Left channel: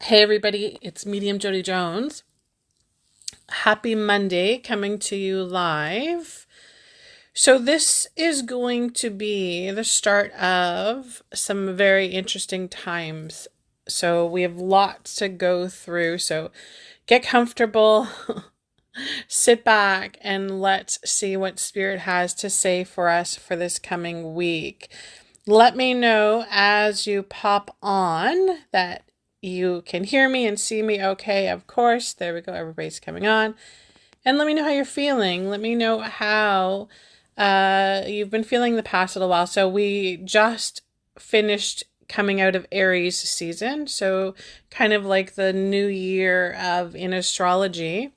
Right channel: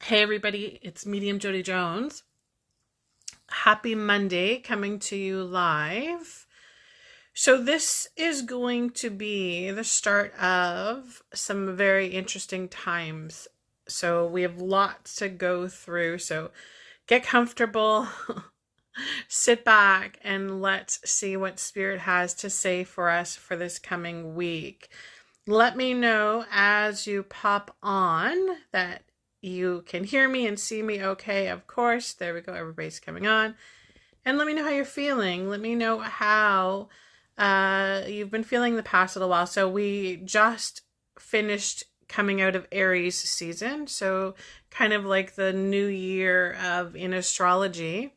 Hey everybody, it's Medium Jody Jones. Happy Monday, coming to you live. So this is going to be the start of some very interesting times. So we have lots to go through. So get comfortable, sit back, and let's see what Spirit has to say for us for this coming week. Let me know as you pop on that you can hear me and see me okay, of course. There we go. Everybody's coming on. And let me know how you're feeling. Let me know how you've been feeling the past little while. So we just finished coming out of Aries season. So kind of like the new year in astrology.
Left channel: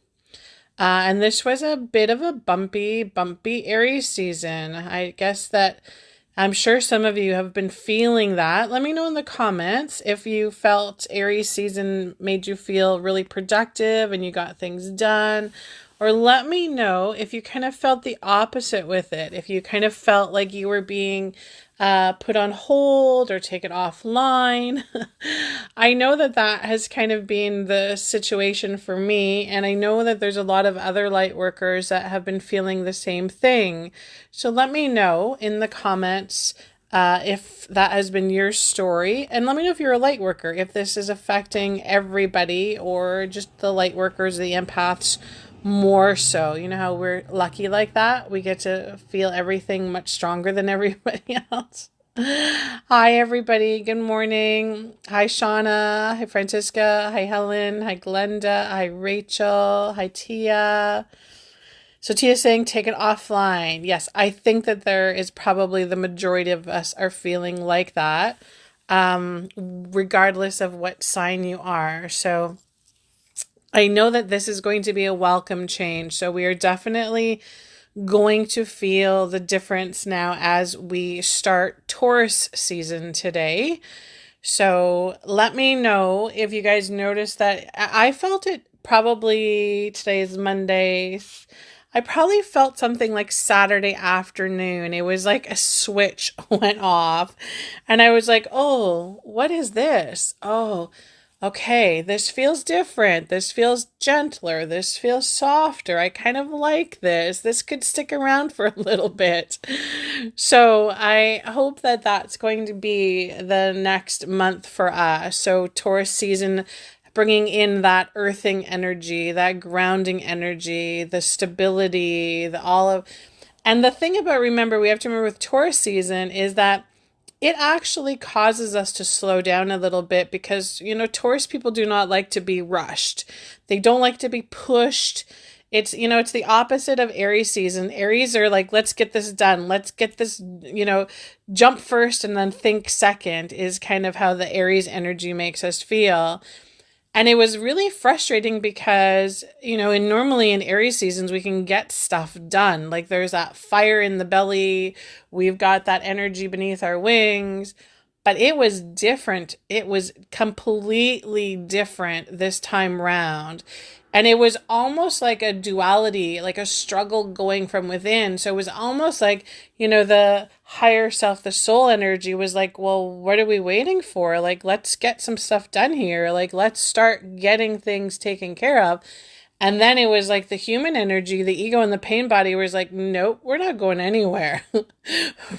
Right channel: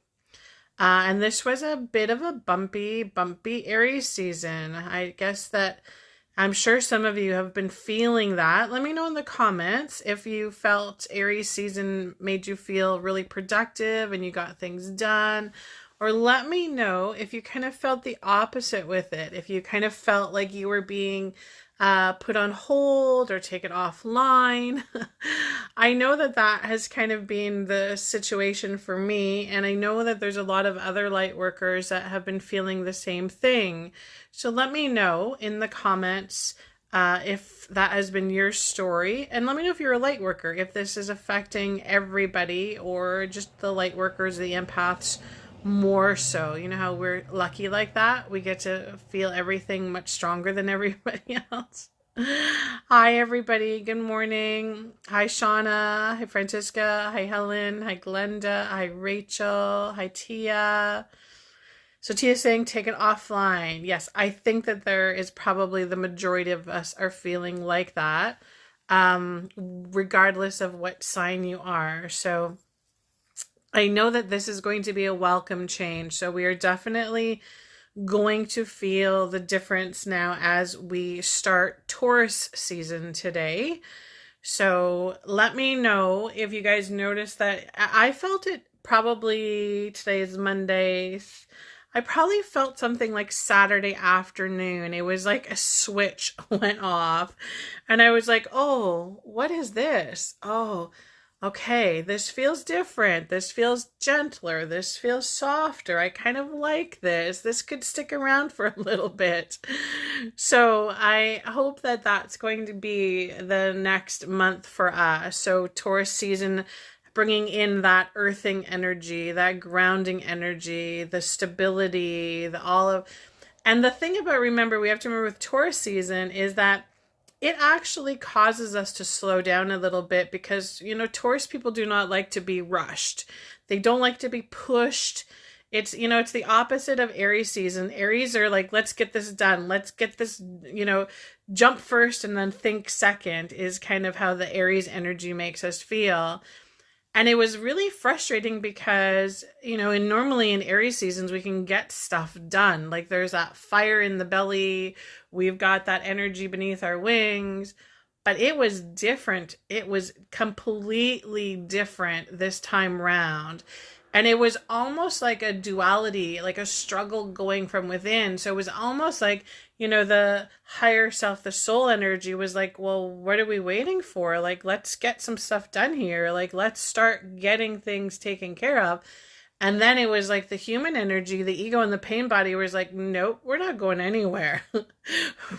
And this was a bit of a bumpy Aries season. I guess that I'm sure some of you have been feeling that. Let me know in the comments if you felt Aries season made you feel really productive and you got things done. Or let me know if you kind of felt the opposite with it. If you kind of felt like you were being put on hold or taken offline. I know that has kind of been the situation for me, and I know that there's a lot of other light workers that have been feeling the same thing. So let me know in the comments if that has been your story, and let me know if you're a light worker, if this is affecting everybody or just the light workers, the empaths more so. You know how we're lucky like that? We get to feel everything much stronger than everybody else. Hi, everybody. Good morning. Hi, Shauna. Hi, Francisca. Hi, Helen. Hi, Glenda. Hi, Rachel. Hi, Tia. So Tia's saying take it offline. Yes, I think that there is probably the majority of us are feeling like that, regardless of what sign you are. So I know that this is going to be a welcome change. So we are definitely going to feel the difference now as we start Taurus season today. So let me know if you guys noticed that. I felt it probably, today's Monday. I probably felt something like Saturday afternoon. It was like a switch went off and I was like, oh, what is this? Oh, okay, this feels different. This feels gentler. This feels softer. I kind of like this. This could stick around for a little bit. So I hope that that's going to be the next month for us. So Taurus season, bringing in that earthing energy, that grounding energy, the stability, and the thing about, we have to remember with Taurus season is that it actually causes us to slow down a little bit because, Taurus people do not like to be rushed. They don't like to be pushed. It's the opposite of Aries season. Aries are like, let's get this done. Let's get this, jump first and then think second is kind of how the Aries energy makes us feel. And it was really frustrating because, normally in Aries seasons, we can get stuff done. Like there's that fire in the belly. We've got that energy beneath our wings. But it was different. It was completely different this time round. And it was almost like a duality, like a struggle going from within. So it was almost like, the higher self, the soul energy was like, well, what are we waiting for? Like, let's get some stuff done here. Like, let's start getting things taken care of. And then it was like the human energy, the ego and the pain body was like, nope, we're not going anywhere.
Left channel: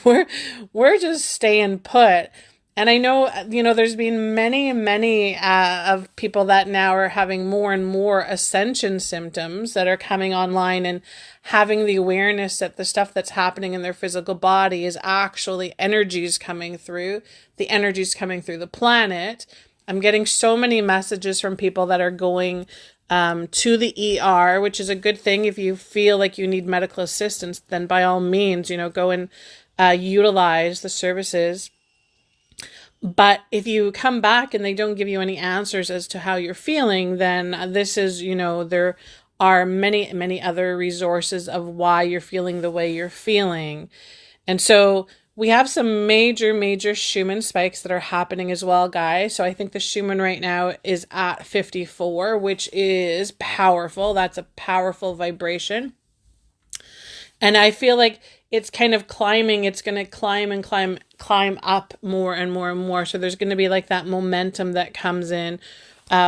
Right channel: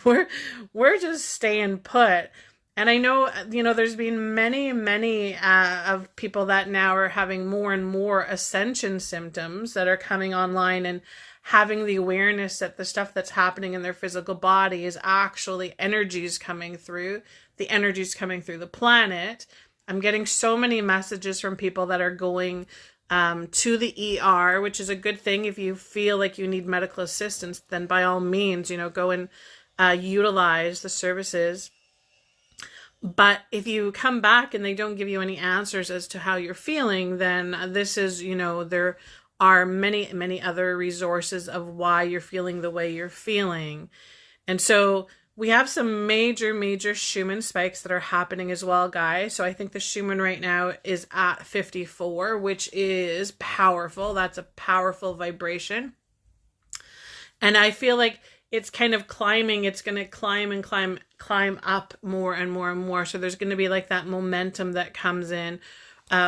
we're just staying put. And I know, there's been many of people that now are having more and more ascension symptoms that are coming online and having the awareness that the stuff that's happening in their physical body is actually energies coming through, the energies coming through the planet. I'm getting so many messages from people that are going to the ER, which is a good thing. If you feel like you need medical assistance, then by all means, go and utilize the services. But if you come back and they don't give you any answers as to how you're feeling, then this is, there are many other resources of why you're feeling the way you're feeling. And so we have some major Schumann spikes that are happening as well, guys. So I think the Schumann right now is at 54, which is powerful. That's a powerful vibration. And I feel like it's kind of climbing. It's going to climb up more and more and more. So there's going to be like that momentum that comes in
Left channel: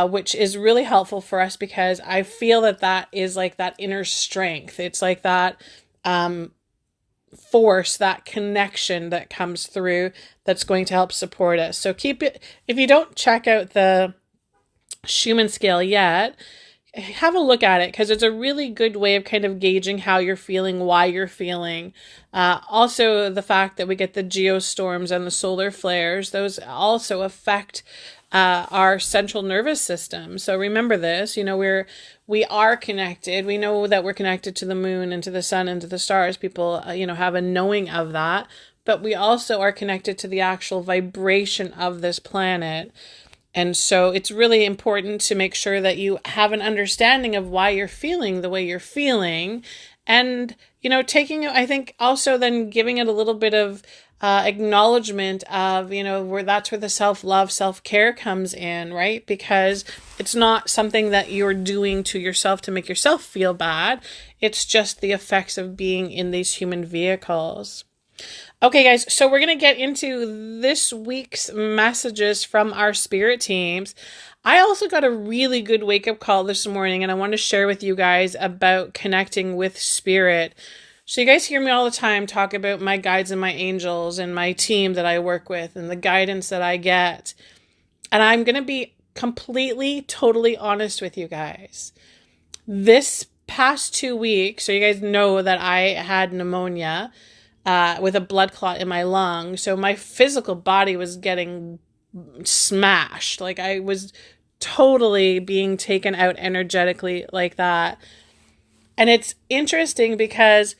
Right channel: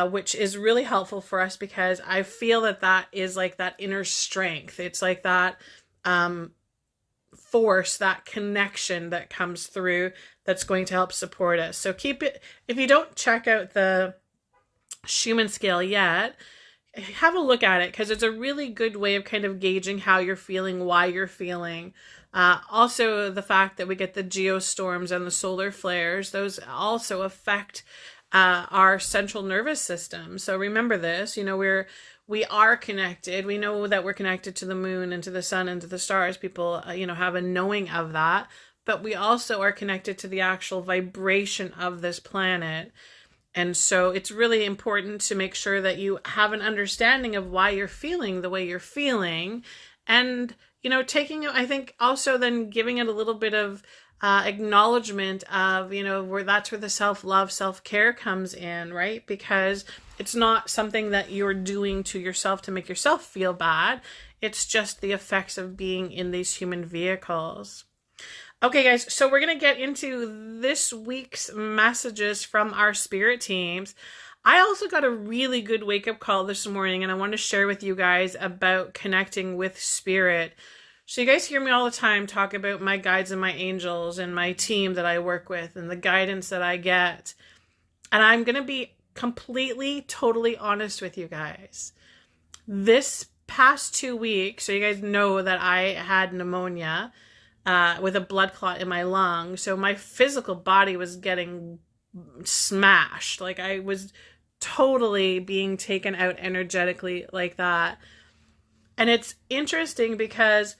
which is really helpful for us because I feel that that is like that inner strength. It's like that force, that connection that comes through that's going to help support us. So keep it, if you don't check out the Schumann scale yet, have a look at it because it's a really good way of kind of gauging how you're feeling, why you're feeling. Also, the fact that we get the geostorms and the solar flares, those also affect our central nervous system. So remember this, we are connected. We know that we're connected to the moon and to the sun and to the stars. People, have a knowing of that. But we also are connected to the actual vibration of this planet. And so it's really important to make sure that you have an understanding of why you're feeling the way you're feeling. And, taking, I think also then giving it a little bit of acknowledgement of, where that's where the self-love, self-care comes in, right? Because it's not something that you're doing to yourself to make yourself feel bad. It's just the effects of being in these human vehicles. Okay, guys, so we're going to get into this week's messages from our spirit teams. I also got a really good wake-up call this morning, and I want to share with you guys about connecting with spirit. So you guys hear me all the time talk about my guides and my angels and my team that I work with and the guidance that I get. And I'm going to be completely, totally honest with you guys. This past 2 weeks, so you guys know that I had pneumonia with a blood clot in my lung. So my physical body was getting smashed. Like I was totally being taken out energetically like that. And it's interesting because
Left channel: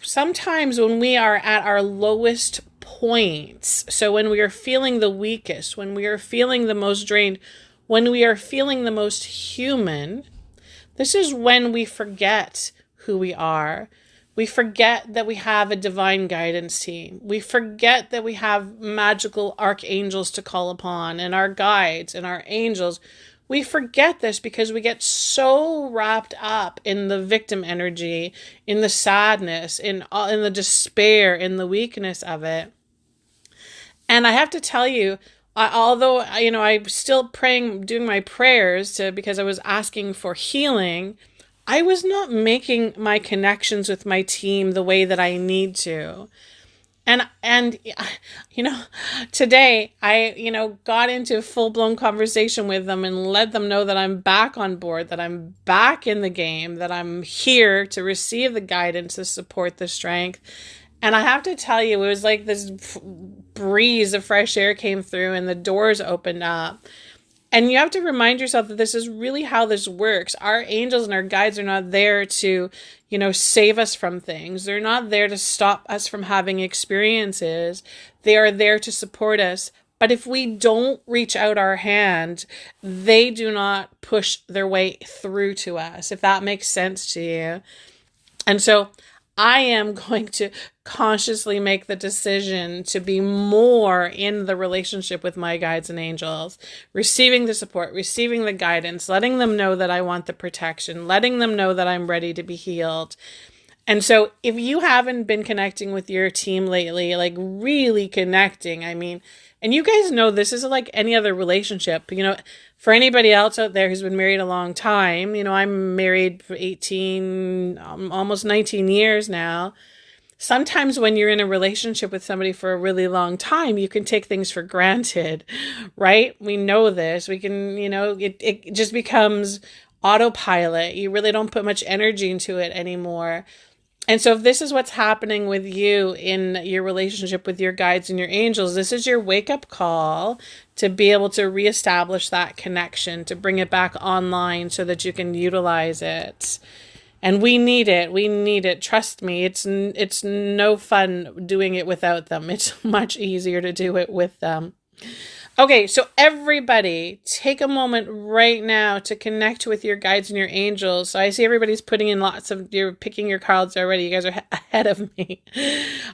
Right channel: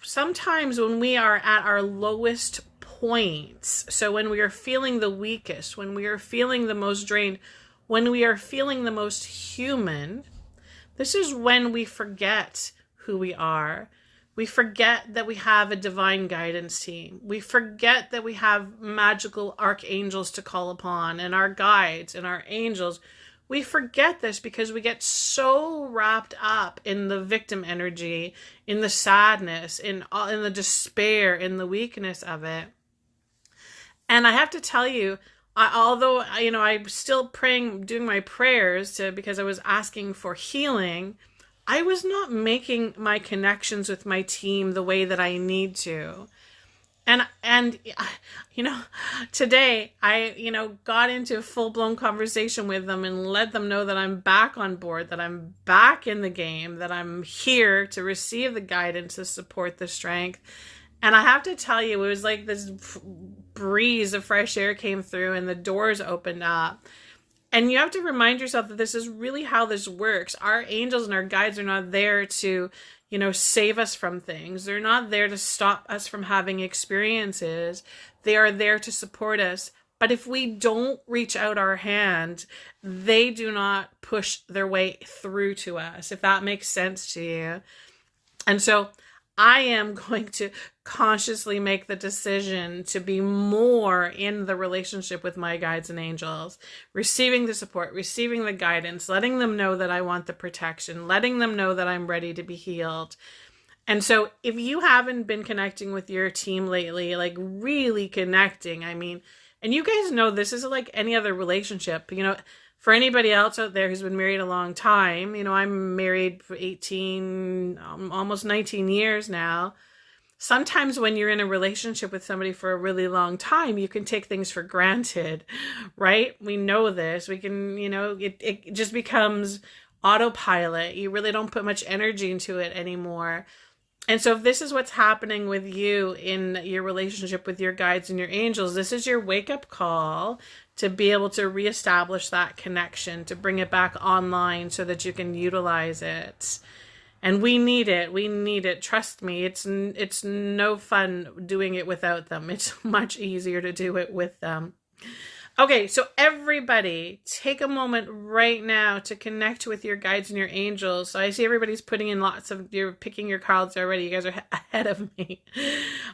sometimes when we are at our lowest points, so when we are feeling the weakest, when we are feeling the most drained, when we are feeling the most human, this is when we forget who we are. We forget that we have a divine guidance team. We forget that we have magical archangels to call upon and our guides and our angels. We forget this because we get so wrapped up in the victim energy, in the sadness, in the despair, in the weakness of it. And I have to tell you, although I'm still praying, doing my prayers because I was asking for healing, I was not making my connections with my team the way that I need to. And today I, got into full-blown conversation with them and let them know that I'm back on board, that I'm back in the game, that I'm here to receive the guidance, the support, the strength. And I have to tell you, it was like this breeze of fresh air came through and the doors opened up. And you have to remind yourself that this is really how this works. Our angels and our guides are not there to, save us from things. They're not there to stop us from having experiences. They are there to support us. But if we don't reach out our hand, they do not push their way through to us, if that makes sense to you. And so I am going to consciously make the decision to be more in the relationship with my guides and angels, receiving the support, receiving the guidance, letting them know that I want the protection, letting them know that I'm ready to be healed. And so if you haven't been connecting with your team lately, like really connecting, and you guys know this isn't like any other relationship, for anybody else out there who's been married a long time, I'm married for 18, almost 19 years now. Sometimes when you're in a relationship with somebody for a really long time, you can take things for granted, right? We know this. We can, it just becomes autopilot. You really don't put much energy into it anymore. And so if this is what's happening with you in your relationship with your guides and your angels, this is your wake-up call to be able to reestablish that connection, to bring it back online so that you can utilize it. And we need it. We need it. Trust me, it's no fun doing it without them. It's much easier to do it with them. Okay, so everybody, take a moment right now to connect with your guides and your angels. So I see everybody's putting in you're picking your cards already. You guys are ahead of me.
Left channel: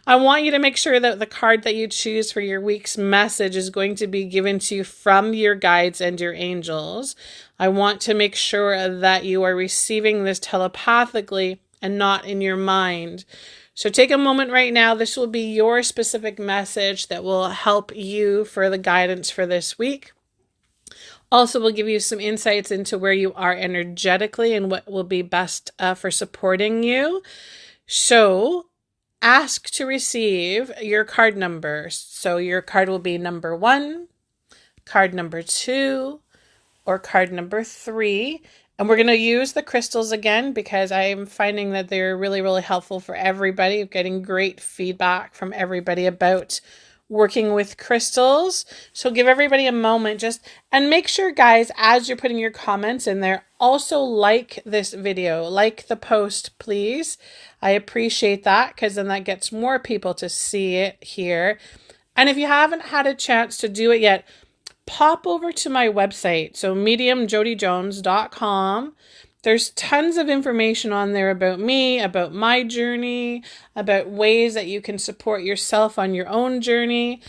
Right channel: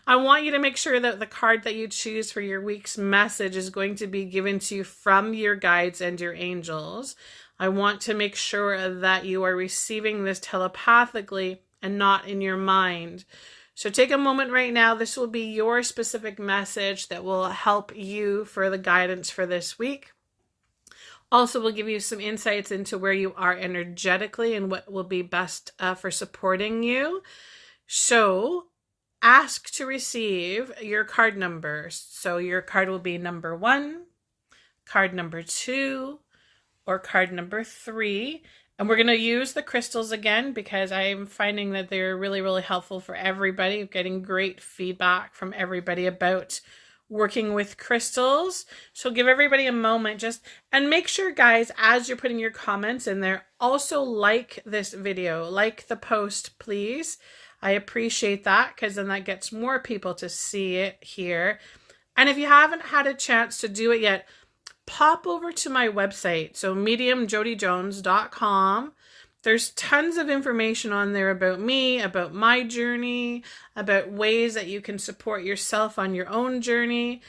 I want you to make sure that the card that you choose for your week's message is going to be given to you from your guides and your angels. I want to make sure that you are receiving this telepathically and not in your mind. So take a moment right now. This will be your specific message that will help you for the guidance for this week. Also, will give you some insights into where you are energetically and what will be best for supporting you. So ask to receive your card numbers. So your card will be number 1, card number 2, or card number 3. And we're going to use the crystals again because I'm finding that they're really, really helpful for everybody. I'm getting great feedback from everybody about working with crystals. So give everybody a moment and make sure, guys, as you're putting your comments in there, also like this video, like the post, please. I appreciate that because then that gets more people to see it here. And if you haven't had a chance to do it yet, pop over to my website, so mediumjodyjones.com. There's tons of information on there about me, about my journey, about ways that you can support yourself on your own journey.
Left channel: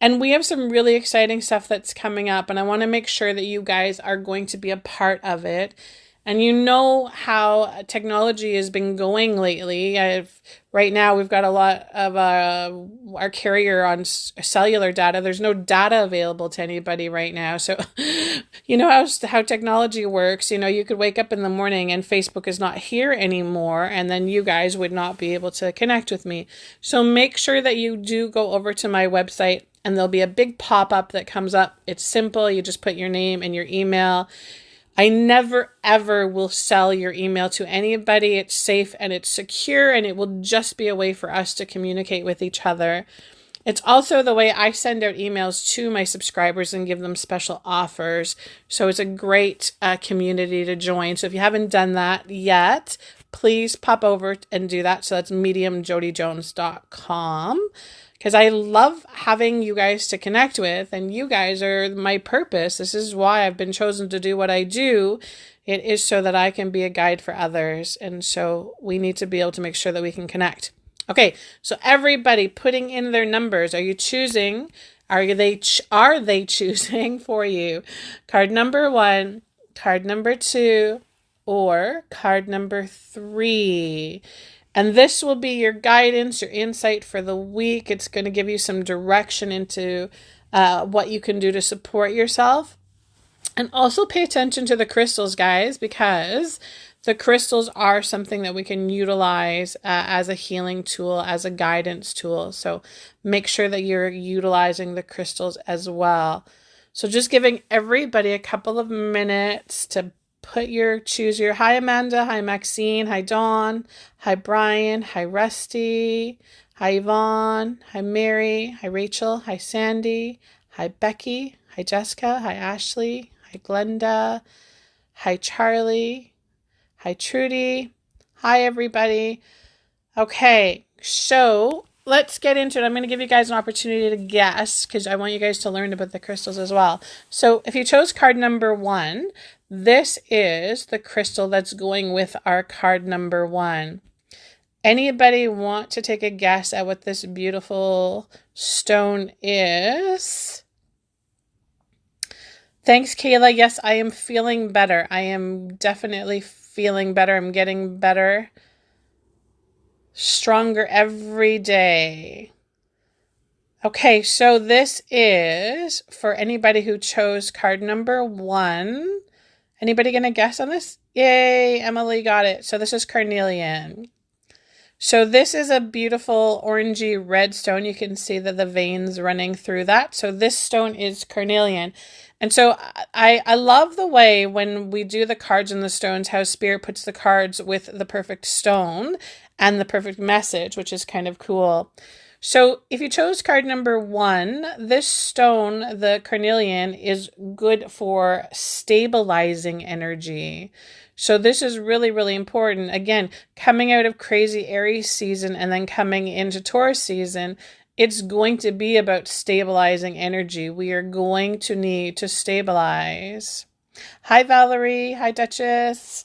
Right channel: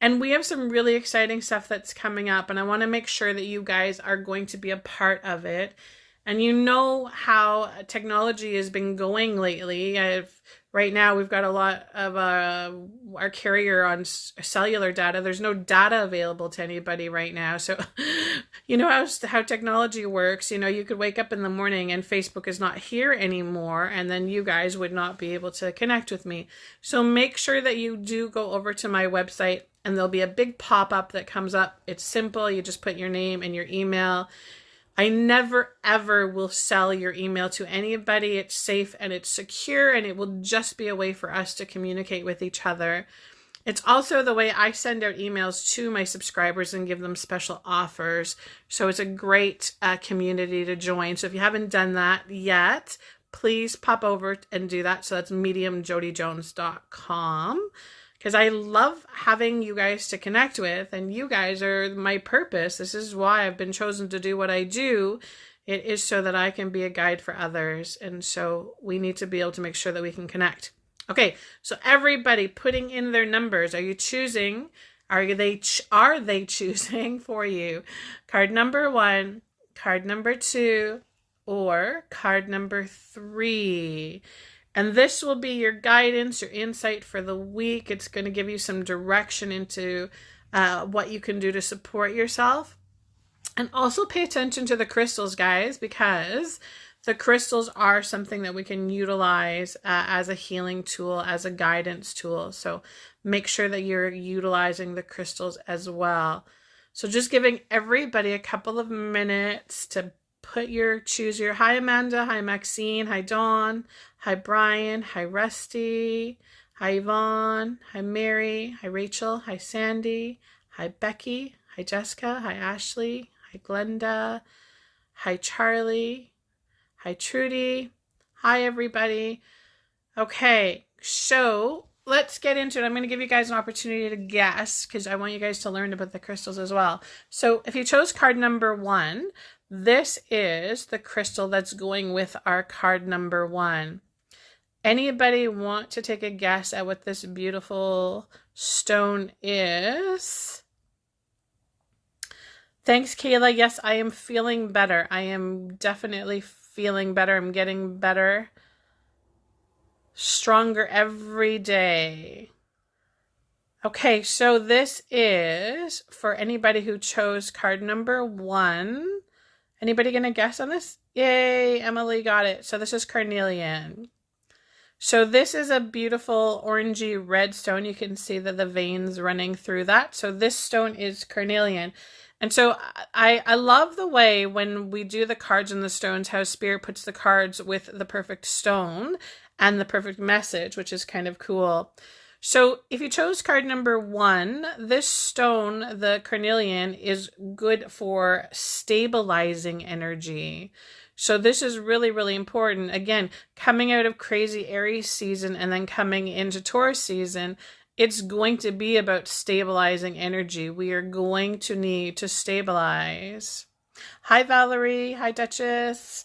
And we have some really exciting stuff that's coming up, and I want to make sure that you guys are going to be a part of it. And you know how technology has been going lately. Right now, we've got a lot of our carrier on cellular data. There's no data available to anybody right now. So you know how technology works. You know, you could wake up in the morning and Facebook is not here anymore, and then you guys would not be able to connect with me. So make sure that you do go over to my website, and there'll be a big pop-up that comes up. It's simple. You just put your name and your email. I never, ever will sell your email to anybody. It's safe and it's secure, and it will just be a way for us to communicate with each other. It's also the way I send out emails to my subscribers and give them special offers. So it's a great community to join. So if you haven't done that yet, please pop over and do that. So that's mediumjodyjones.com. Because I love having you guys to connect with, and you guys are my purpose. This is why I've been chosen to do what I do. It is so that I can be a guide for others. And so we need to be able to make sure that we can connect. Okay, so everybody putting in their numbers. Are you choosing? Are they choosing for you? Card number 1, card number 2, or card number 3. And this will be your guidance, your insight for the week. It's going to give you some direction into what you can do to support yourself. And also pay attention to the crystals, guys, because the crystals are something that we can utilize as a healing tool, as a guidance tool. So make sure that you're utilizing the crystals as well. So just giving everybody a couple of minutes to choose your, hi Amanda, hi Maxine, hi Dawn, hi Brian, hi Rusty, hi Yvonne, hi Mary, hi Rachel, hi Sandy, hi Becky, hi Jessica, hi Ashley, hi Glenda, hi Charlie, hi Trudy, hi everybody. Okay, so let's get into it. I'm going to give you guys an opportunity to guess because I want you guys to learn about the crystals as well. So if you chose card number 1, this is the crystal that's going with our card number 1. Anybody want to take a guess at what this beautiful stone is? Thanks, Kayla. Yes, I am feeling better. I am definitely feeling better. I'm getting better. Stronger every day. Okay, so this is for anybody who chose card number 1. Anybody going to guess on this? Yay, Emily got it. So this is carnelian. So this is a beautiful orangey red stone. You can see the veins running through that. So this stone is carnelian. And so I love the way when we do the cards and the stones, how Spirit puts the cards with the perfect stone and the perfect message, which is kind of cool. So if you chose card number 1, this stone, the carnelian, is good for stabilizing energy. So this is really, really important. Again, coming out of crazy Aries season and then coming into Taurus season, it's going to be about stabilizing energy. We are going to need to stabilize. Hi, Valerie. Hi, Duchess.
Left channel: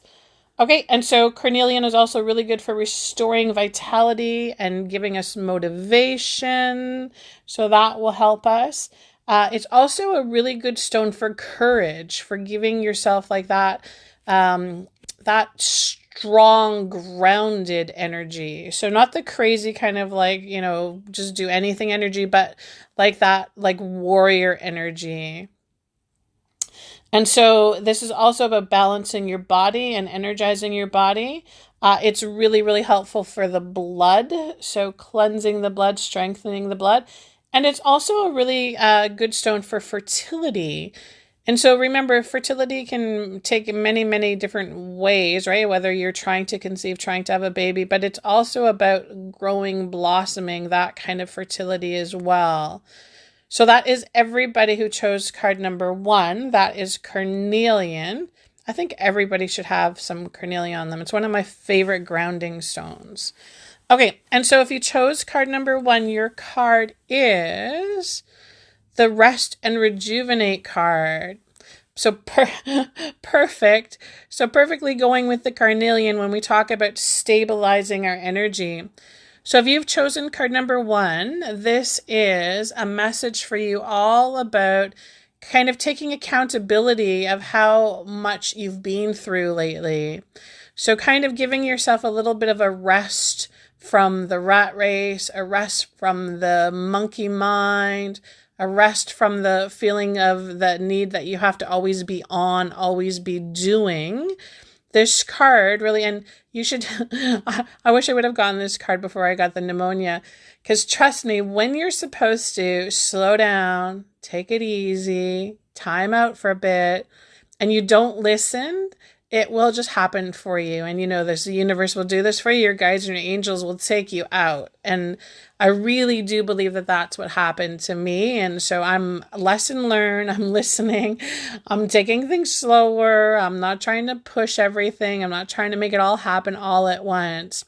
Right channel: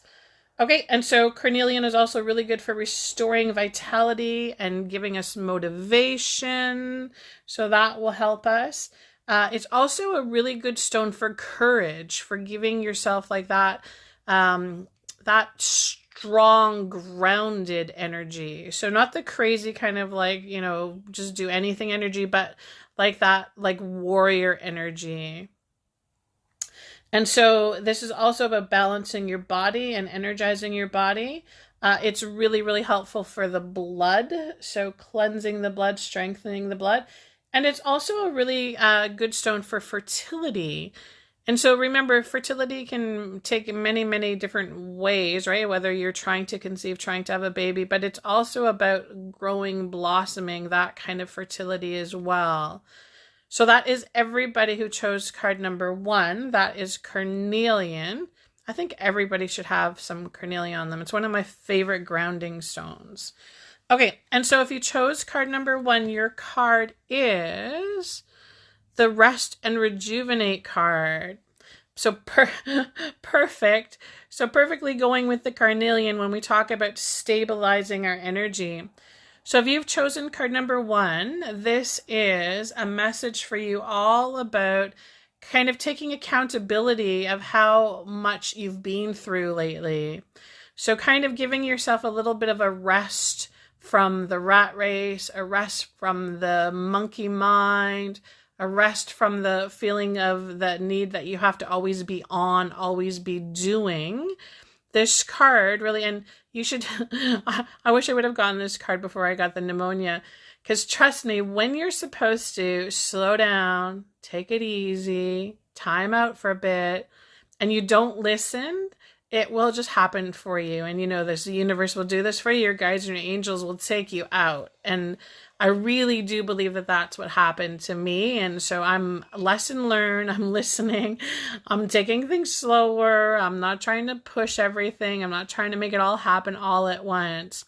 Okay, and so carnelian is also really good for restoring vitality and giving us motivation. So that will help us. It's also a really good stone for courage, for giving yourself like that, that strong, grounded energy. So not the crazy kind of like, just do anything energy, but like that, like warrior energy. And so this is also about balancing your body and energizing your body. It's really, really helpful for the blood. So cleansing the blood, strengthening the blood. And it's also a really good stone for fertility. And so remember, fertility can take many, many different ways, right? Whether you're trying to conceive, trying to have a baby, but it's also about growing, blossoming, that kind of fertility as well. So that is everybody who chose card number 1. That is carnelian. I think everybody should have some carnelian on them. It's one of my favorite grounding stones. Okay, and so if you chose card number 1, your card is the Rest and Rejuvenate card. So perfect. So perfectly going with the carnelian when we talk about stabilizing our energy. So if you've chosen card number 1, this is a message for you all about kind of taking accountability of how much you've been through lately. So kind of giving yourself a little bit of a rest from the rat race, a rest from the monkey mind, a rest from the feeling of the need that you have to always be on, always be doing. This card really, and you should, I wish I would have gotten this card before I got the pneumonia, because trust me, when you're supposed to slow down, take it easy, time out for a bit, and you don't listen, it will just happen for you. And you know this, the universe will do this for you. Your guides and your angels will take you out. And I really do believe that that's what happened to me. And so I'm lesson learned. I'm listening. I'm taking things slower. I'm not trying to push everything. I'm not trying to make it all happen all at once.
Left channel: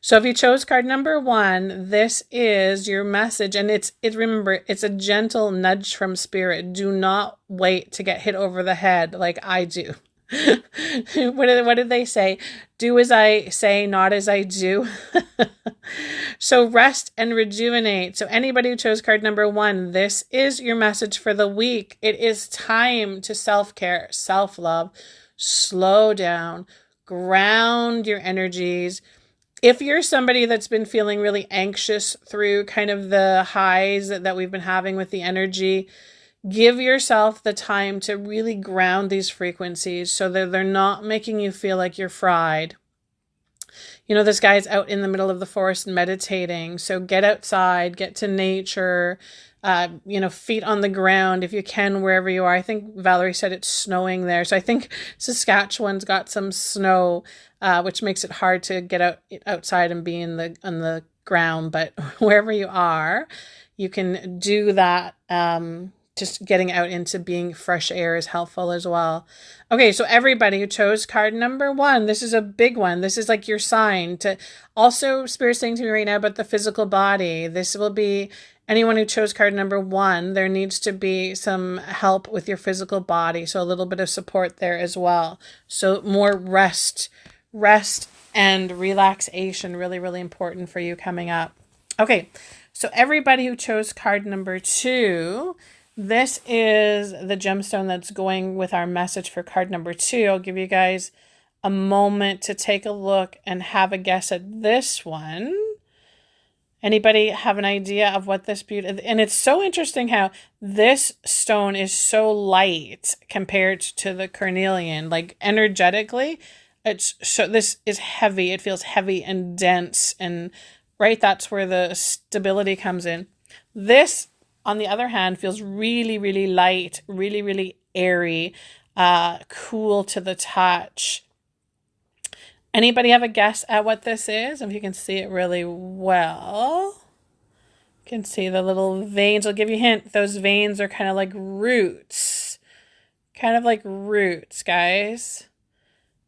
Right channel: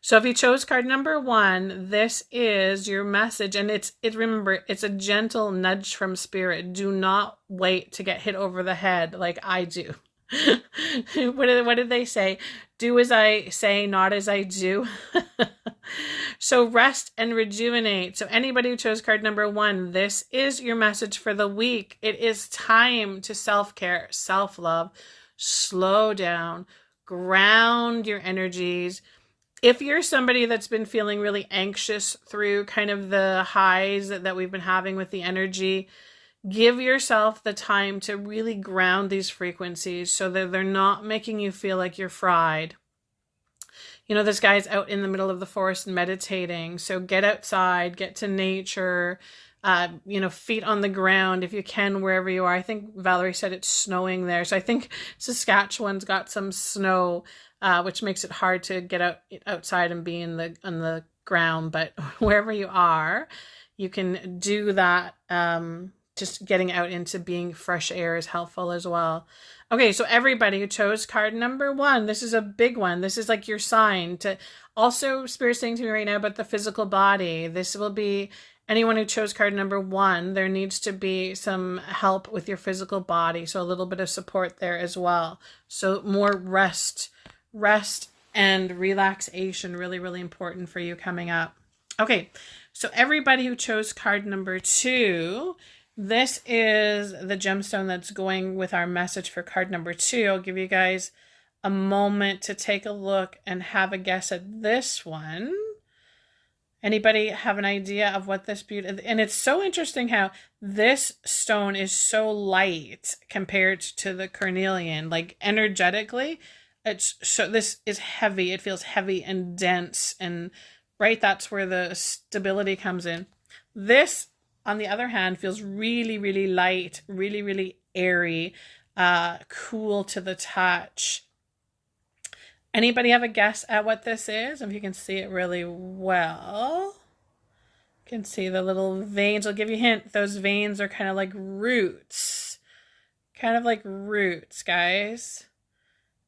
So if you chose card number 1, this is your message. And remember, it's a gentle nudge from spirit. Do not wait to get hit over the head like I do. What did they say? Do as I say, not as I do. So rest and rejuvenate. So anybody who chose card number 1, this is your message for the week. It is time to self-care, self-love, slow down, ground your energies. If you're somebody that's been feeling really anxious through kind of the highs that we've been having with the energy, give yourself the time to really ground these frequencies so that they're not making you feel like you're fried. You know, this guy's out in the middle of the forest meditating. So get outside, get to nature, feet on the ground if you can, wherever you are. I think Valerie said it's snowing there. So I think Saskatchewan's got some snow, which makes it hard to get outside and be on the ground. But wherever you are, you can do that. Just getting out into being fresh air is helpful as well. Okay, so everybody who chose card number 1, this is a big one. This is like your sign to also Spirit saying to me right now about the physical body. This will be anyone who chose card number 1. There needs to be some help with your physical body. So a little bit of support there as well. So more rest and relaxation, really, really important for you coming up. Okay, so everybody who chose card number 2, this is the gemstone that's going with our message for card number 2. I'll give you guys a moment to take a look and have a guess at this one. Anybody have an idea of what this beauty... And it's so interesting how this stone is so light compared to the carnelian. Like energetically, this is heavy. It feels heavy and dense, and right, that's where the stability comes in. This, on the other hand, feels really, really light, really, really airy, cool to the touch. Anybody have a guess at what this is? If you can see it really well. You can see the little veins. I'll give you a hint. Those veins are kind of like roots. Kind of like roots, guys.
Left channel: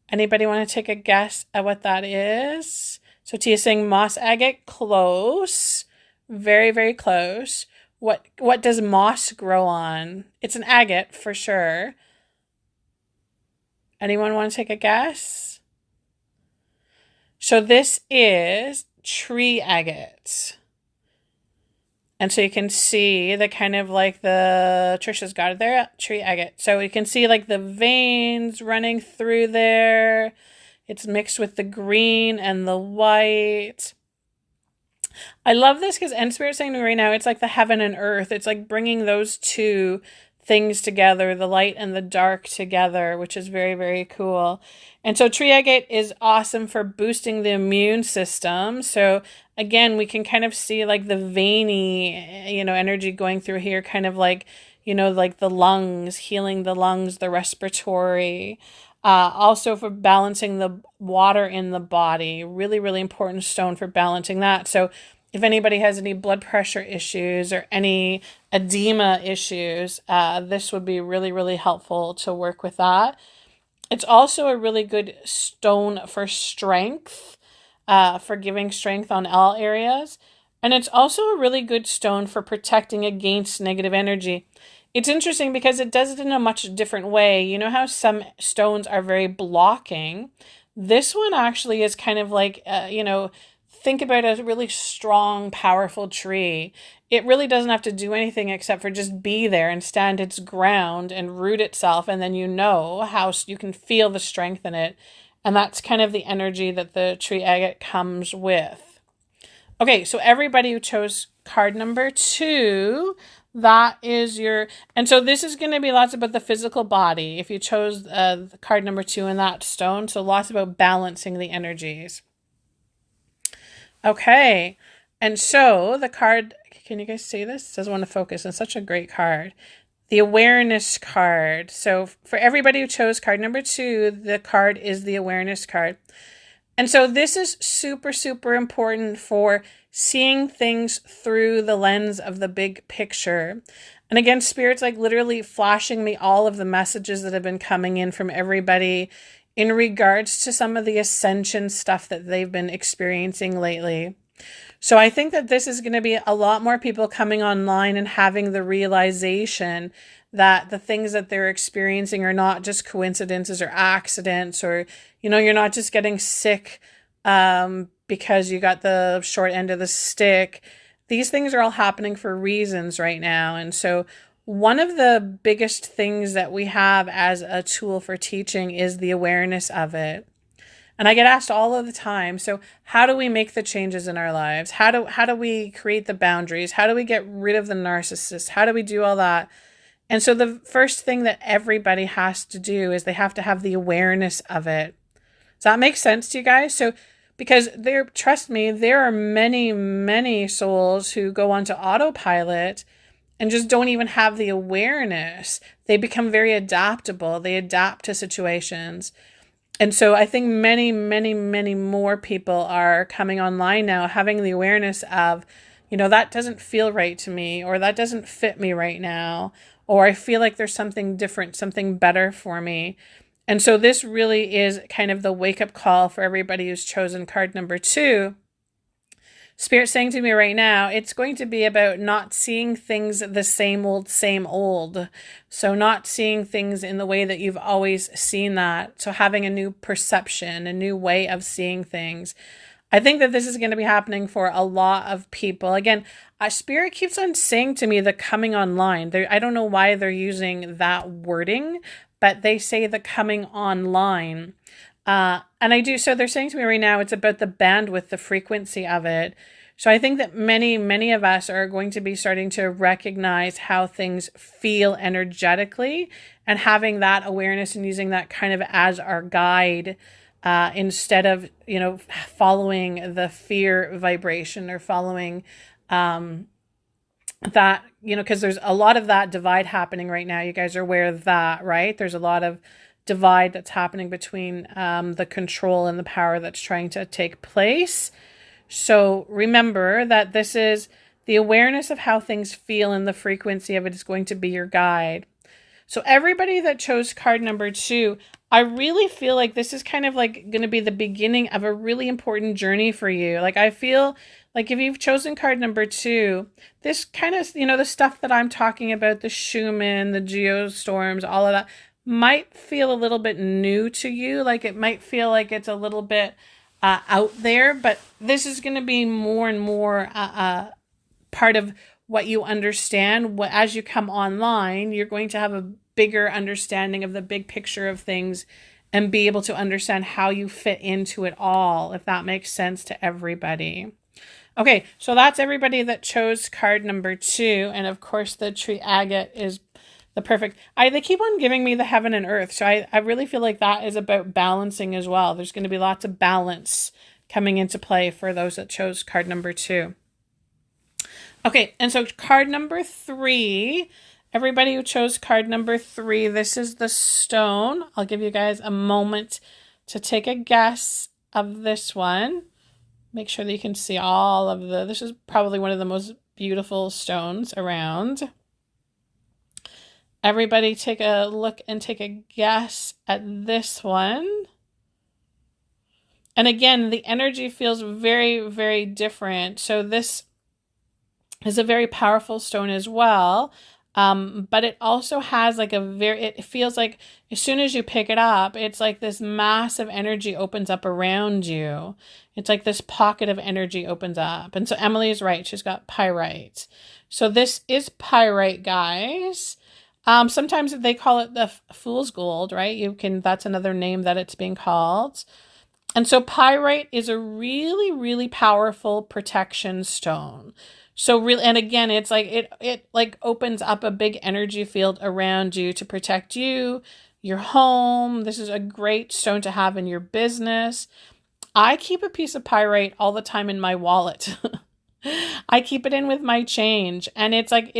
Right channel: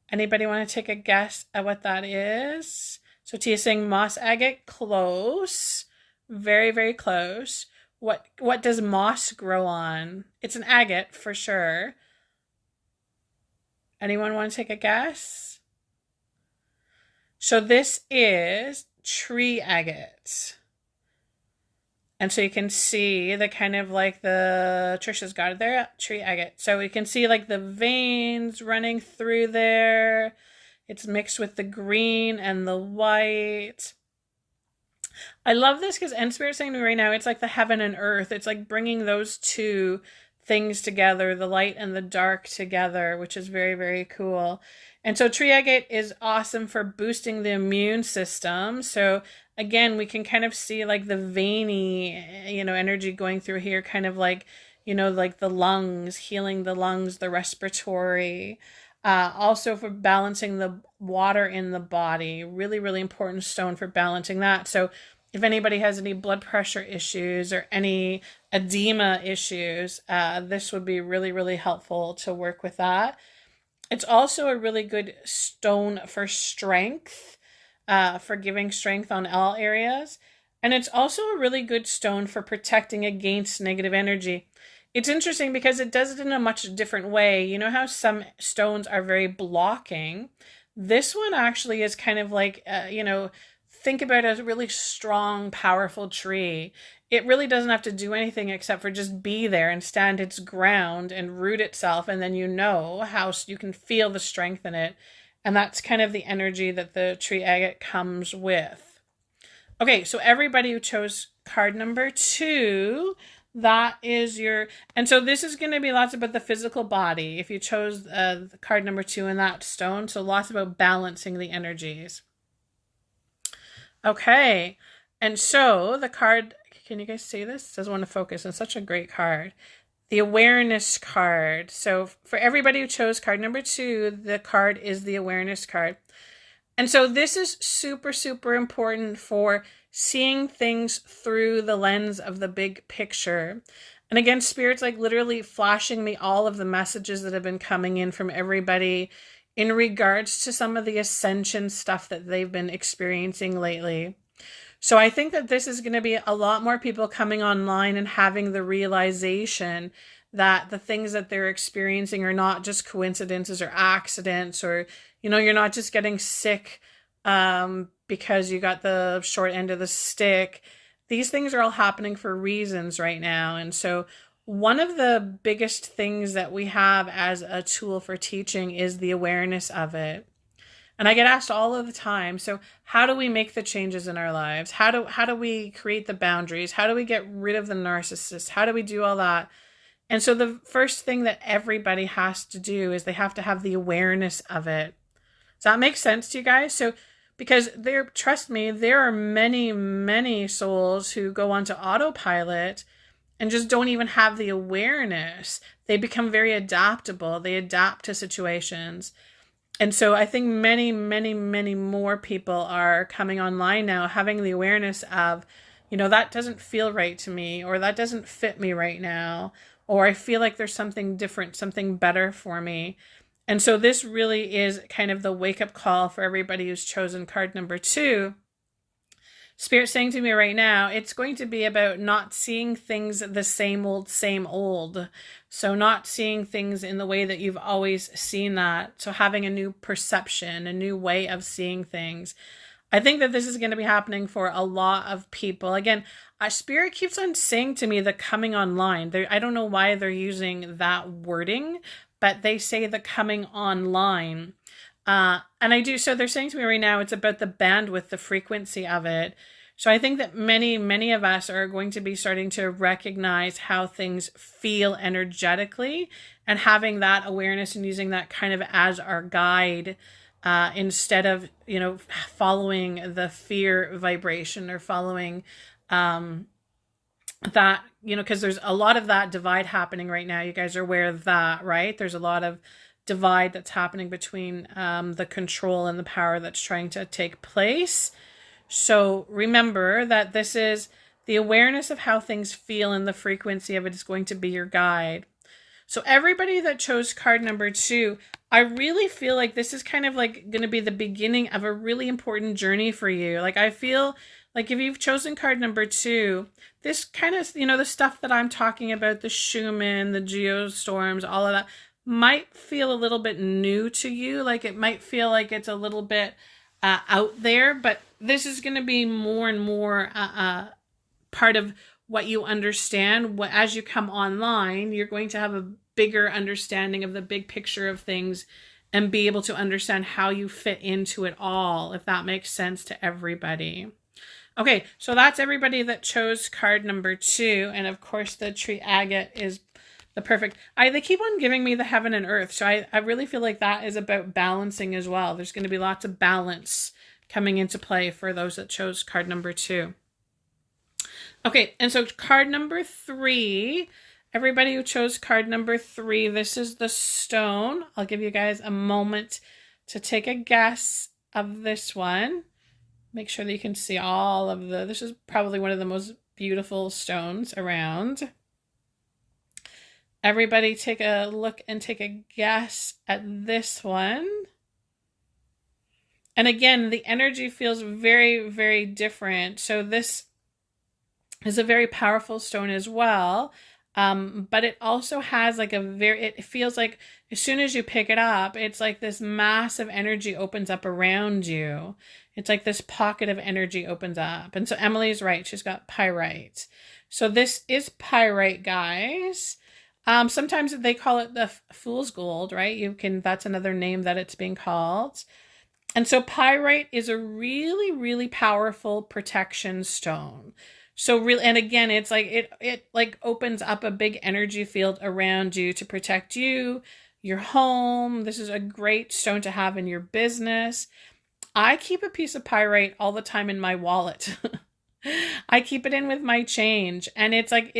Anybody want to take a guess at what that is? So Tia's saying moss agate. Close. Very, very close. What does moss grow on? It's an agate for sure. Anyone want to take a guess? So this is tree agate. And so you can see the kind of like Trisha's got it there, tree agate. So you can see like the veins running through there. It's mixed with the green and the white. I love this because End Spirit's saying to me right now, it's like the heaven and earth. It's like bringing those two things together, the light and the dark together, which is very, very cool. And so tree agate is awesome for boosting the immune system. So again, we can kind of see like the veiny, energy going through here, kind of like, like the lungs, healing the lungs, the respiratory. Also for balancing the water in the body, really, really important stone for balancing that. So if anybody has any blood pressure issues or any edema issues, this would be really, really helpful to work with that. It's also a really good stone for strength, for giving strength on all areas. And it's also a really good stone for protecting against negative energy. It's interesting because it does it in a much different way. You know how some stones are very blocking? This one actually is kind of like, think about a really strong, powerful tree. It really doesn't have to do anything except for just be there and stand its ground and root itself. And then how you can feel the strength in it. And that's kind of the energy that the tree agate comes with. Okay, so everybody who chose card number 2, that is and so this is going to be lots about the physical body if you chose the card number 2 in that stone. So lots about balancing the energies. Okay, and so the card, can you guys see this? It doesn't want to focus. It's such a great card. The awareness card. So for everybody who chose card number 2, the card is the awareness card. And so this is super, super important for seeing things through the lens of the big picture. And again, Spirit's like literally flashing me all of the messages that have been coming in from everybody in regards to some of the ascension stuff that they've been experiencing lately. So I think that this is going to be a lot more people coming online and having the realization that the things that they're experiencing are not just coincidences or accidents, or, you're not just getting sick because you got the short end of the stick. These things are all happening for reasons right now. And so one of the biggest things that we have as a tool for teaching is the awareness of it. And I get asked all of the time, so how do we make the changes in our lives? How do we create the boundaries? How do we get rid of the narcissist? How do we do all that? And so the first thing that everybody has to do is they have to have the awareness of it. Does that make sense to you guys? So because trust me, there are many, many souls who go onto autopilot and just don't even have the awareness. They become very adaptable. They adapt to situations. And so I think many, many, many more people are coming online now, having the awareness of, that doesn't feel right to me, or that doesn't fit me right now, or I feel like there's something different, something better for me. And so this really is kind of the wake-up call for everybody who's chosen card number 2. Spirit's saying to me right now, it's going to be about not seeing things the same old. So not seeing things in the way that you've always seen that. So having a new perception, a new way of seeing things. I think that this is going to be happening for a lot of people. Again, Spirit keeps on saying to me the coming online. I don't know why they're using that wording, but they say the coming online. And I do. So they're saying to me right now, it's about the bandwidth, the frequency of it. So I think that many, many of us are going to be starting to recognize how things feel energetically, and having that awareness and using that kind of as our guide, instead of, following the fear vibration or following that, because there's a lot of that divide happening right now. You guys are aware of that, right? There's a lot of divide that's happening between the control and the power that's trying to take place. So remember that this is the awareness of how things feel, and the frequency of it is going to be your guide. So everybody that chose card number 2, I really feel like this is kind of like going to be the beginning of a really important journey for you. Like I feel like if you've chosen card number 2, this kind of, the stuff that I'm talking about, the Schumann, the geostorms, all of that, might feel a little bit new to you. Like it might feel like it's a little bit out there, but this is going to be more and more part of what you understand. As you come online, you're going to have a bigger understanding of the big picture of things and be able to understand how you fit into it all, if that makes sense to everybody. Okay, so that's everybody that chose card number 2. And of course, the tree agate is the perfect. They keep on giving me the heaven and earth. So I really feel like that is about balancing as well. There's going to be lots of balance coming into play for those that chose card number 2. Okay, and so card number 3, everybody who chose card number 3, this is the stone. I'll give you guys a moment to take a guess of this one. Make sure that you can see all of this is probably one of the most beautiful stones around. Everybody take a look and take a guess at this one. And again, the energy feels very, very different. So this is a very powerful stone as well. But it also has like it feels like as soon as you pick it up, it's like this massive energy opens up around you. It's like this pocket of energy opens up. And so Emily is right. She's got pyrite. So this is pyrite, guys. Sometimes they call it the fool's gold, right? That's another name that it's being called. And so pyrite is a really, really powerful protection stone. So really, and again, it's like it like opens up a big energy field around you to protect you, your home. This is a great stone to have in your business. I keep a piece of pyrite all the time in my wallet. I keep it in with my change, and it's like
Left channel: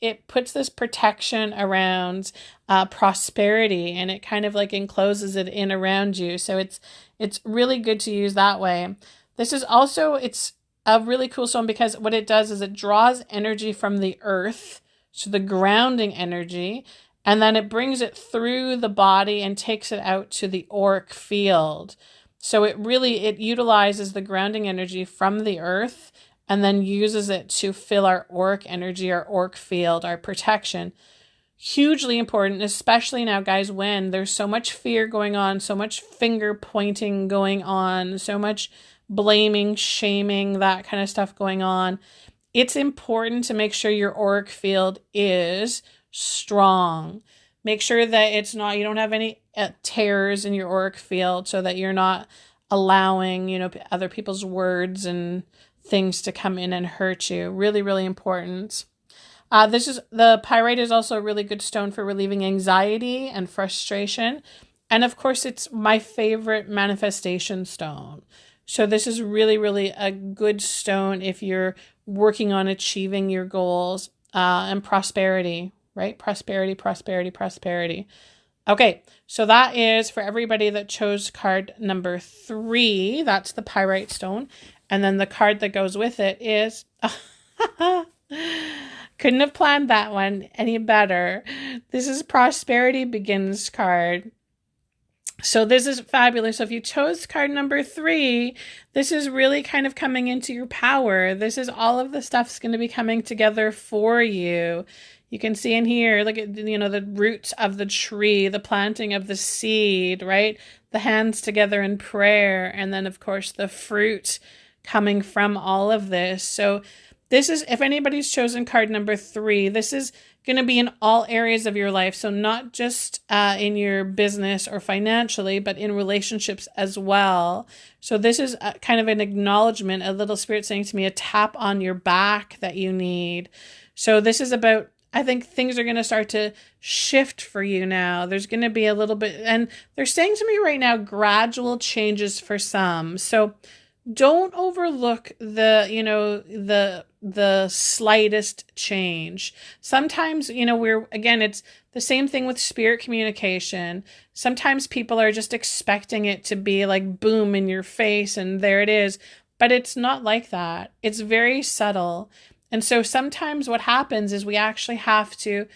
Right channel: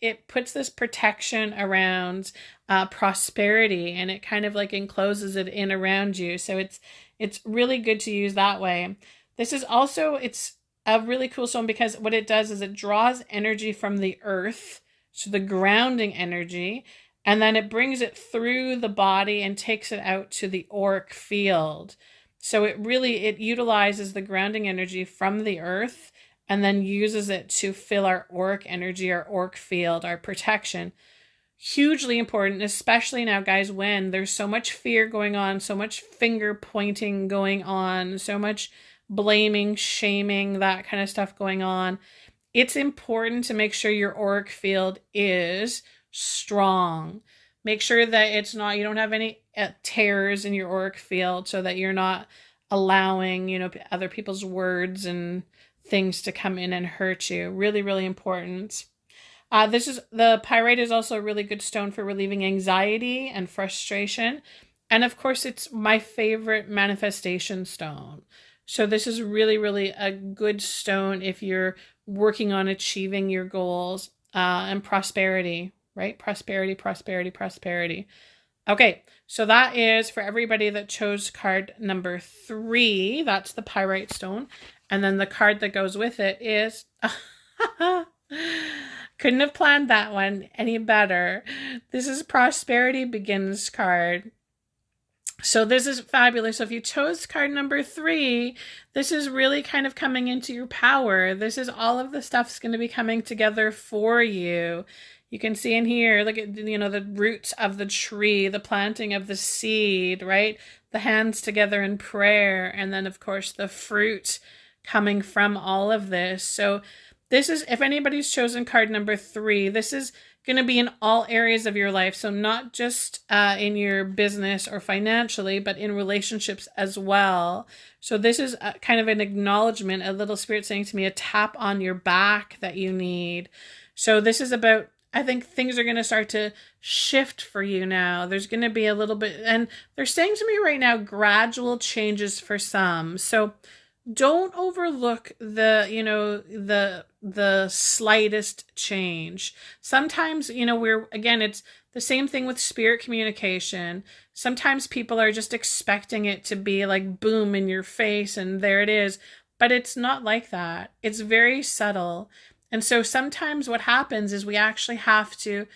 it puts this protection around prosperity, and it kind of like encloses it in around you. So it's really good to use that way. This is also, it's a really cool stone because what it does is it draws energy from the earth, so the grounding energy, and then it brings it through the body and takes it out to the auric field. So it utilizes the grounding energy from the earth and then uses it to fill our auric energy, our auric field, our protection. Hugely important, especially now, guys, when there's so much fear going on, so much finger pointing going on, so much blaming, shaming, that kind of stuff going on. It's important to make sure your auric field is strong. Make sure that you don't have any tears in your auric field, so that you're not allowing, other people's words and things to come in and hurt you. Really, really important. The pyrite is also a really good stone for relieving anxiety and frustration. And of course, it's my favorite manifestation stone. So this is really, really a good stone if you're working on achieving your goals and prosperity, right? Prosperity, prosperity, prosperity. Okay, so that is for everybody that chose card number 3. That's the pyrite stone. And then the card that goes with it is... Couldn't have planned that one any better. This is Prosperity Begins card. So this is fabulous. So if you chose card number 3, this is really kind of coming into your power. This is all of the stuff's going to be coming together for you. You can see in here, look at, the roots of the tree, the planting of the seed, right? The hands together in prayer. And then, of course, the fruit coming from all of this. So this is, if anybody's chosen card number 3, this is going to be in all areas of your life. So not just in your business or financially, but in relationships as well. So this is kind of an acknowledgement, a little spirit saying to me, a tap on your back that you need. So this is about, I think things are going to start to shift for you now. There's going to be a little bit, and they're saying to me right now, gradual changes for some. So don't overlook the slightest change. Sometimes, it's the same thing with spirit communication. Sometimes people are just expecting it to be like boom in your face and there it is, but it's not like that. It's very subtle. And so sometimes what happens is we actually have to,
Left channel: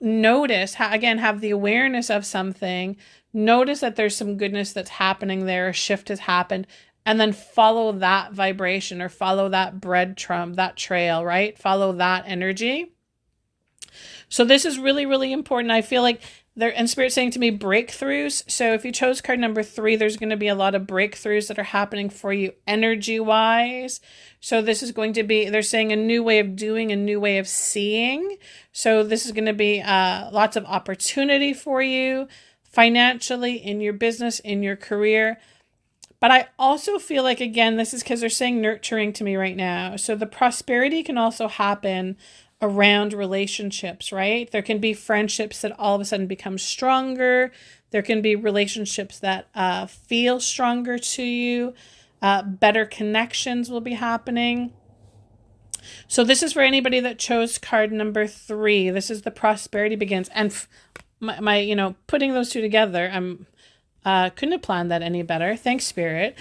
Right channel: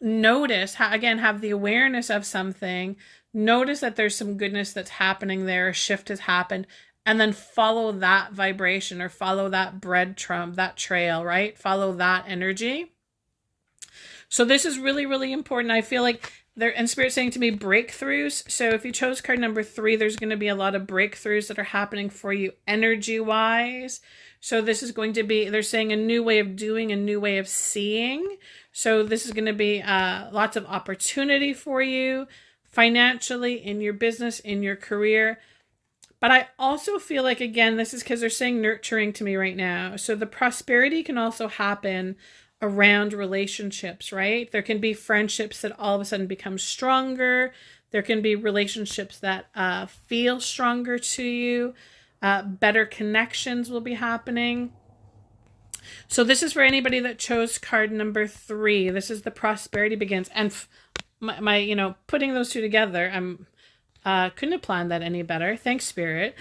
notice, have the awareness of something, notice that there's some goodness that's happening there, a shift has happened, and then follow that vibration or follow that breadcrumb, that trail, right? Follow that energy. So this is really, really important. I feel like and Spirit's saying to me breakthroughs. So if you chose card number 3, there's going to be a lot of breakthroughs that are happening for you energy-wise. So this is going to be, they're saying, a new way of doing, a new way of seeing. So this is going to be lots of opportunity for you financially, in your business, in your career. But I also feel like, again, this is because they're saying nurturing to me right now. So the prosperity can also happen around relationships, right? There can be friendships that all of a sudden become stronger. There can be relationships that feel stronger to you. Better connections will be happening. So this is for anybody that chose card number 3. This is the prosperity begins. And my putting those two together, I'm couldn't have planned that any better. Thanks, Spirit.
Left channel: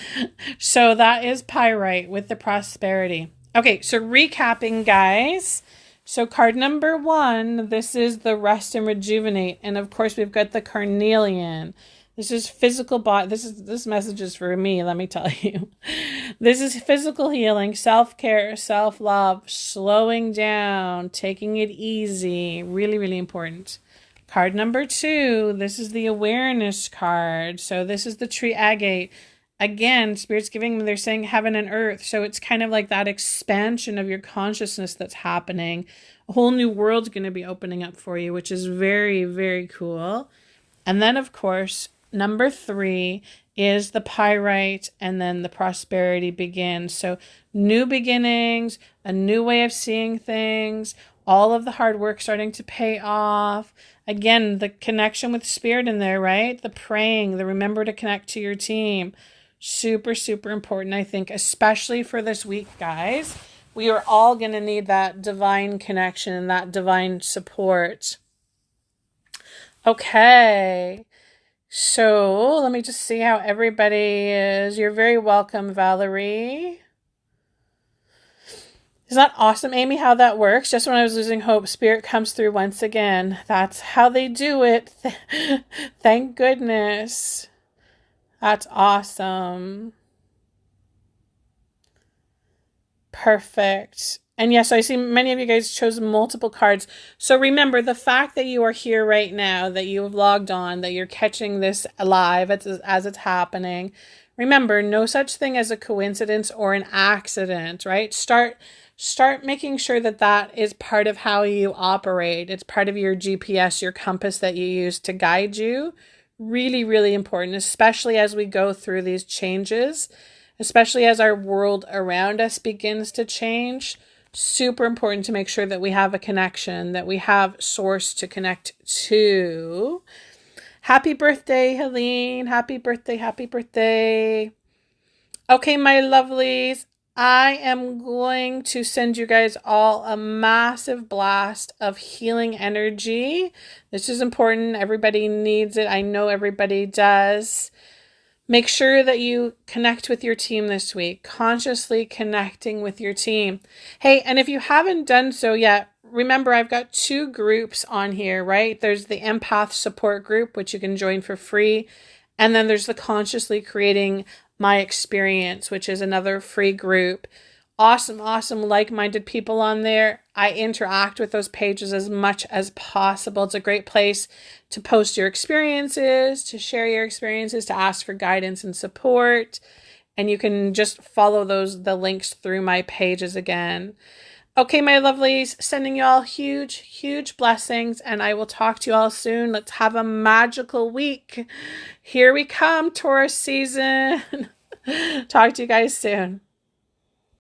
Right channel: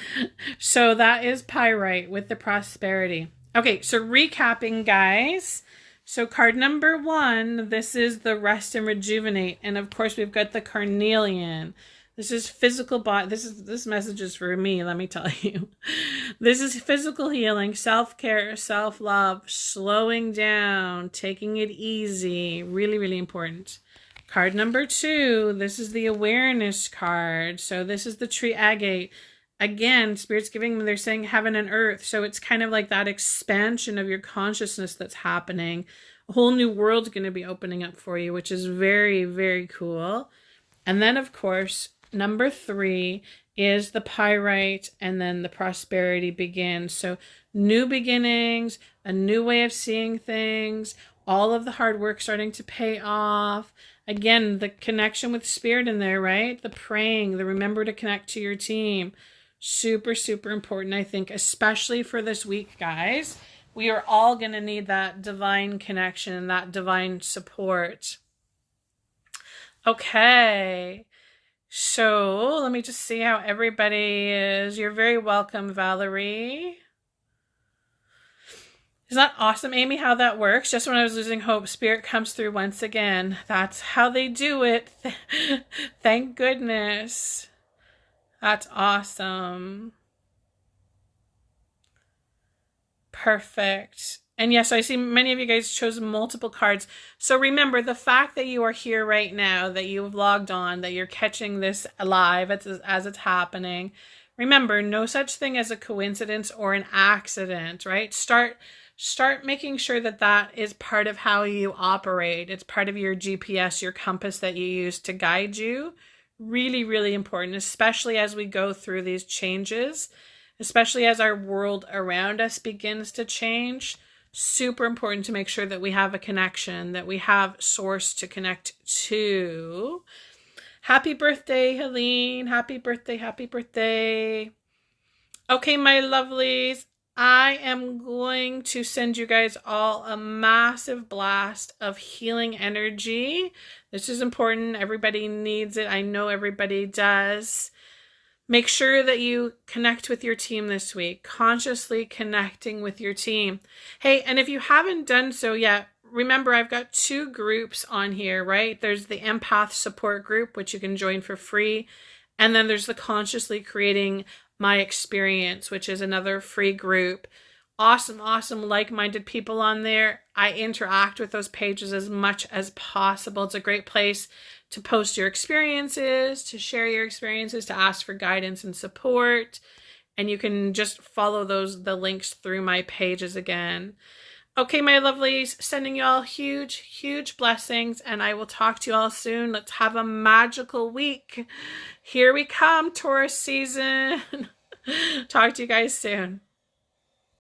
So that is Pyrite with the prosperity. Okay, so recapping, guys. So card number 1, this is the rest and rejuvenate. And of course, we've got the carnelian. This is physical body. This message is for me, let me tell you. This is physical healing, self-care, self-love, slowing down, taking it easy. Really, really important. Card number 2, this is the awareness card. So this is the tree agate. Again, Spirit's giving, they're saying heaven and earth. So it's kind of like that expansion of your consciousness that's happening. A whole new world's going to be opening up for you, which is very, very cool. And then, of course, number 3 is the pyrite, and then the prosperity begins. So new beginnings, a new way of seeing things, all of the hard work starting to pay off. Again, the connection with Spirit in there, right? The praying, the remember to connect to your team. Super, super important, I think, especially for this week, guys. We are all going to need that divine connection and that divine support. Okay. So let me just see how everybody is. You're very welcome, Valerie. Isn't that awesome, Amy, how that works? Just when I was losing hope, Spirit comes through once again. That's how they do it. Thank goodness. That's awesome. Perfect. And yes, I see many of you guys chose multiple cards. So remember, the fact that you are here right now, that you have logged on, that you're catching this live as it's happening. Remember, no such thing as a coincidence or an accident, right? Start making sure that that is part of how you operate. It's part of your GPS, your compass that you use to guide you. Really, really important, especially as we go through these changes, especially as our world around us begins to change. Super important to make sure that we have a connection, that we have source to connect to. Happy birthday, Helene. Happy birthday, happy birthday. Okay, my lovelies. I am going to send you guys all a massive blast of healing energy. This is important. Everybody needs it. I know everybody does. Make sure that you connect with your team this week, consciously connecting with your team. Hey, and if you haven't done so yet, remember I've got 2 groups on here, right? There's the empath support group, which you can join for free. And then there's the consciously creating my experience, which is another free group. Awesome, awesome like-minded people on there. I interact with those pages as much as possible. It's a great place to post your experiences, to share your experiences, to ask for guidance and support. And you can just follow the links through my pages again. Okay, my lovelies, sending you all huge, huge blessings, and I will talk to you all soon. Let's have a magical week. Here we come, Taurus season. Talk to you guys soon.